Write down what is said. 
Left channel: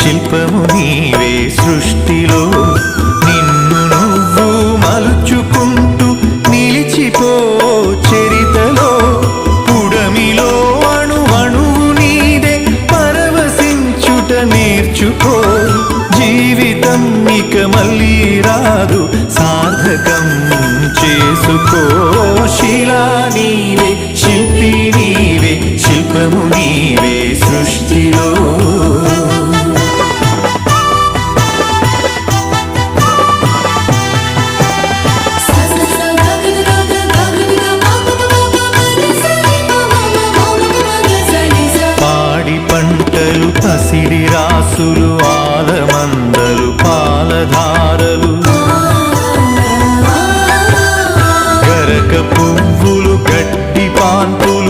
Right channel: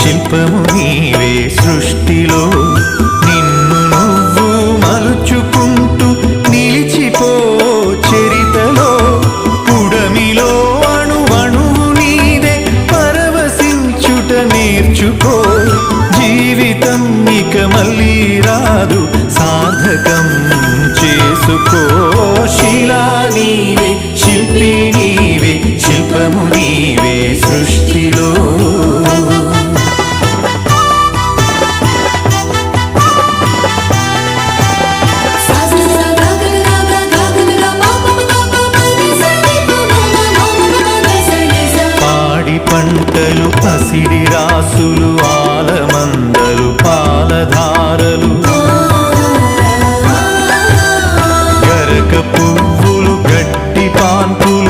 శిల్పము నీవే సృష్టిలో నిన్ను నువ్వు మలుచుకుంటూ నిలిచిపో చరితలో పుడమిలో అణువణువు నీదే పరవశించుట నేర్చుకో జీవితం ఇక మళ్ళీ రాదు సార్థకం చేసుకో శిలా నీవే శిల్పి నీవే శిల్పము నీవే సృష్టిలో పాడి పంటలు పసిడి రాసులు ఆలమందలు పాలధారలు గరక పువ్వులు గడ్డి పాన్పులు